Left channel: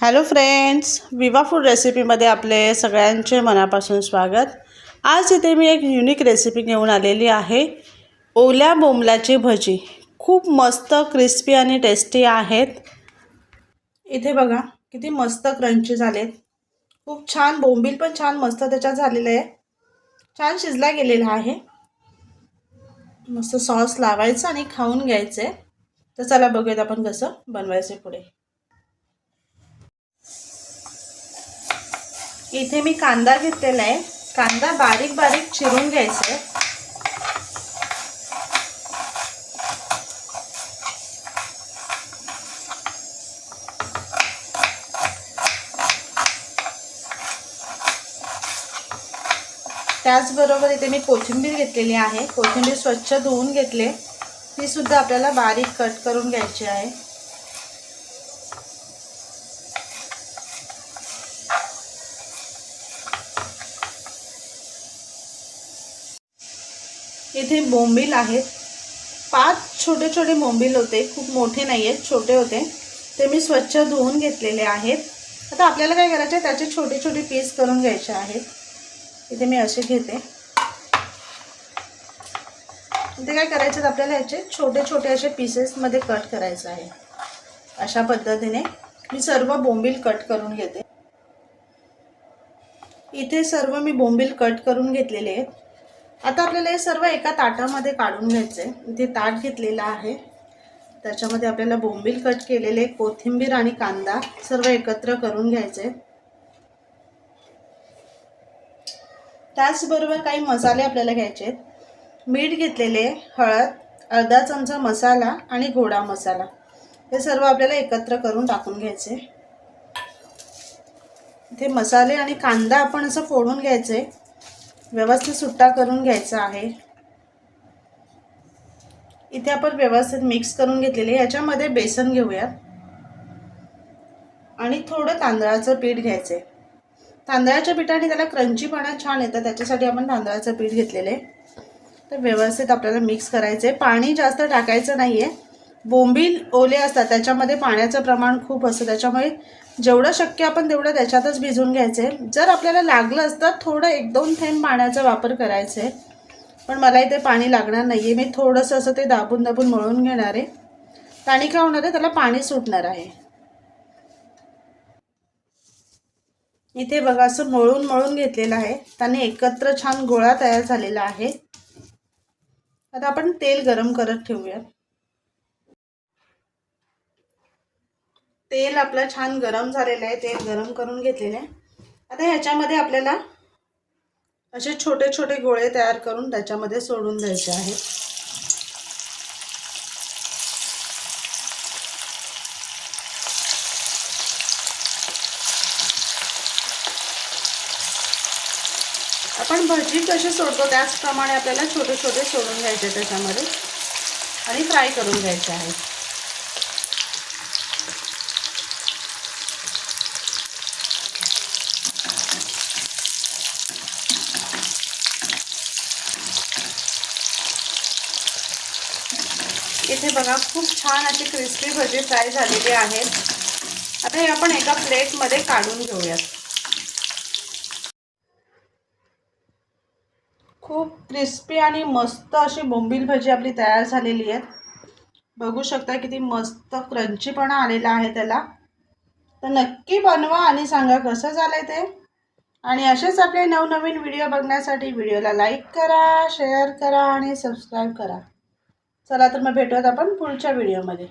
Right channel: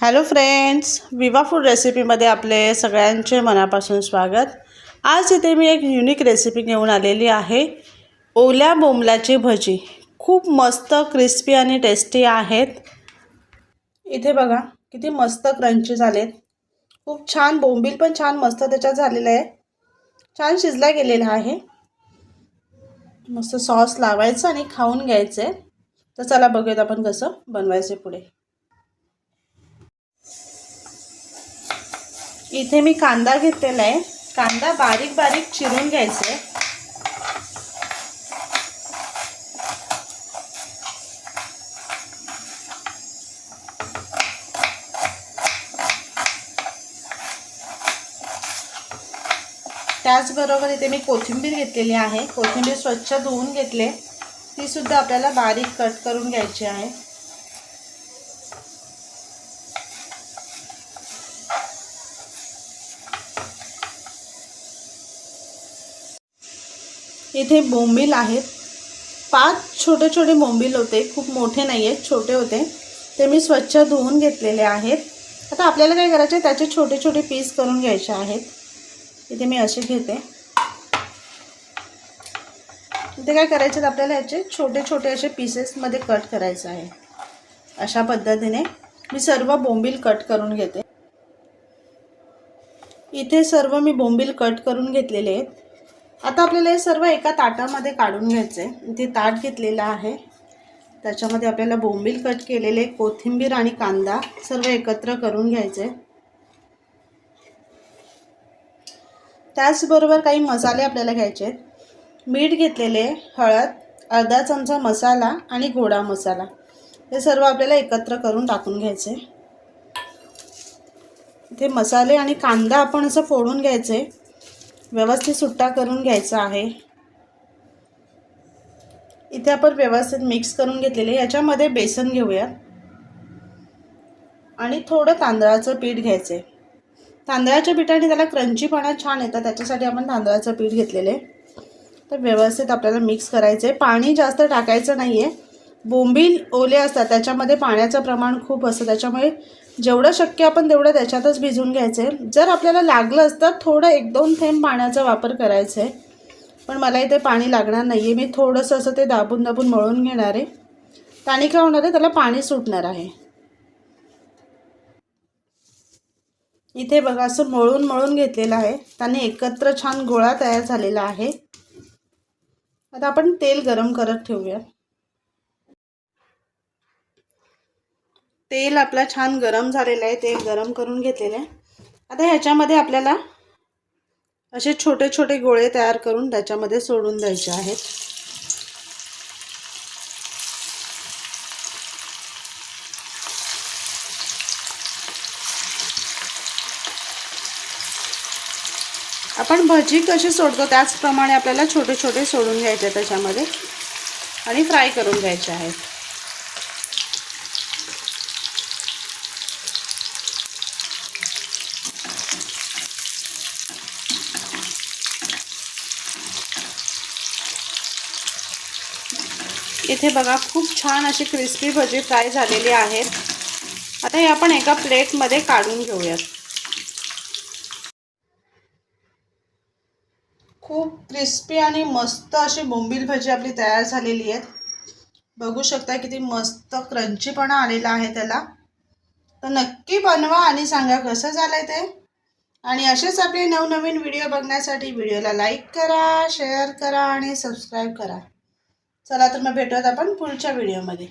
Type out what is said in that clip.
Hello friends Viva food रेसिपीमध्ये आपले सगळ्यांचे मनापासून स्वागत. आज इथे मी एक युनिक रेसिपी घेऊन आलेली आहे. ओल्या बोंबलाची भजी. खूप मस्त क्रिस्पी आणि टेस्टी आहेत. इथे बघा किती मस्त क्रंची झालेत. खूप छान बोंबील पण छान मस्त त्याच्यात झालेलं आहे. छान शिजला गेलेला आहे. मस्त सॉस लावायचं आणि खाऊन घ्यायचं आहे तर चला बघूयात आपण कसं बनवायचं पुढे. इथे मी कांदा घेतलेला आहे. कांदा बारीक बारीक चिरून घ्यायचा. आहे त्याचबरोबर इथे मी कोथिंबीर घेतलेली आहे. कोथिंबीर स्वच्छ धुवून घेतले. ती सुद्धा आपल्याला बारीक कट करून घ्यायची आहे. इथे बोंबील आहेत. पाच छोटे छोटे बोंबील होते. खूप मोठे नाही आहेत छोटे होते. ते मी स्वच्छ धुवून घेतलेले आहेत. आता आपल्याला काय करायचे त्याचे छोटे छोटे पीस करून घ्यायचे आहेत. इथे मी असे घेते. इथे काय करायचे आपल्याला याचे छोटे छोटे असे पीसेसमध्ये कट करायचं आहे. अशा पद्धतीने मी सर्व बोंबील कट करून घेते. इथे सर्व मी बोंबील कट करून घेतलेले आहेत. आता आपल्याला हे सर्व एका ताटामध्ये काढून घ्यायचे इथे ताट घेतलेलं आहे. त्याच्यामध्ये आपल्याला बोंबील कट केलेले कोथिंबीर आणि कांदा सर्व एकत्र करून घ्यायचे त्याचबरोबर काही मसाले आपल्याला घ्यायचे आहेत. मीठ घेतलेले हळद अर्धा चमचा मसाला आणि गोडा मसाला. हे सर्व आपल्याला एकत्र करून टाकून घ्यायचे इथे मसाले आणि कांदा आपण असं फोडून घ्यायचे व्यवस्थित सुट्टा करून घ्यायचा आहे. इथे आपण व्यवस्थित मिक्स करून घेतलेले. याच्यामध्ये बेसन घेऊयात. आणि थोडं तांदळाचं पीठ घ्यायचे तांदळाच्या पिठाने त्याला क्रंचीपणा छान येतं त्याच्यासाठी आपण तांदळाचं पीठ घेतलेलं. आहे तर व्यवस्थित आपल्याला मिक्स करायचं आहे पाणी जास्त टाकायचं नाही आहे बोंबील ओले असतात त्याच्यामध्ये पाण्याचं प्रमाण खूप असतं. त्याच्यामुळे जेवढं शक्य आपण तेवढं त्याच्यातच भिजून घ्यायचं. आहे जर आपल्याला लागलं असतं थोडं एक दोन थेंब पाण्याचा वापर करायचा. आहे पण मला इथे पाणी लागणार नाही आहे मी थोडंसं असं ते दाबून दाबून मळून घेणार आहे. पाणी काय होणार आहे? त्याला पाणी सुटणार आहे. इथे बघा असं मळून मळून घेतलेलं आहे. त्याने एकत्र छान गोळा तयार झालेला आहे. आता आपण तेल गरम करत ठेवूया तेल आपलं छान गरम झालेलं आहे तेल गरम करून घेतलेलं आहे. आता ह्याच्यामध्ये आपल्याला असे छोटे छोटे गोळे तयार करून त्याच्यामध्ये सोडून द्यायचे आहेत. आपण भजी कशी सोडतो त्याचप्रमाणे आपल्याला छोटे छोटे सोडून घ्यायचे त्याच्यामध्ये आणि फ्राय करून घ्यायचे आहेत. इथे बघा खूप छान अशी क्रिस्पी भजी फ्राय झालेली आहेत. आता हे आपण एका प्लेटमध्ये काढून घेऊयात. खूप क्रिस्पी आणि मस्त अशी बोंबील भजी आपली तयार झालेली आहेत. बघू शकता किती मस्त क्रंचीपणा आलेला आहे त्याला. तर नक्की बनवा आणि सांगा कसं झालं आहे ते. आणि असेच आपले नवनवीन व्हिडिओ बघण्यासाठी व्हिडिओला लाईक करा शेअर करा आणि सबस्क्राईब करा. चला तर मग भेटूयात आपण पुढच्या व्हिडिओमध्ये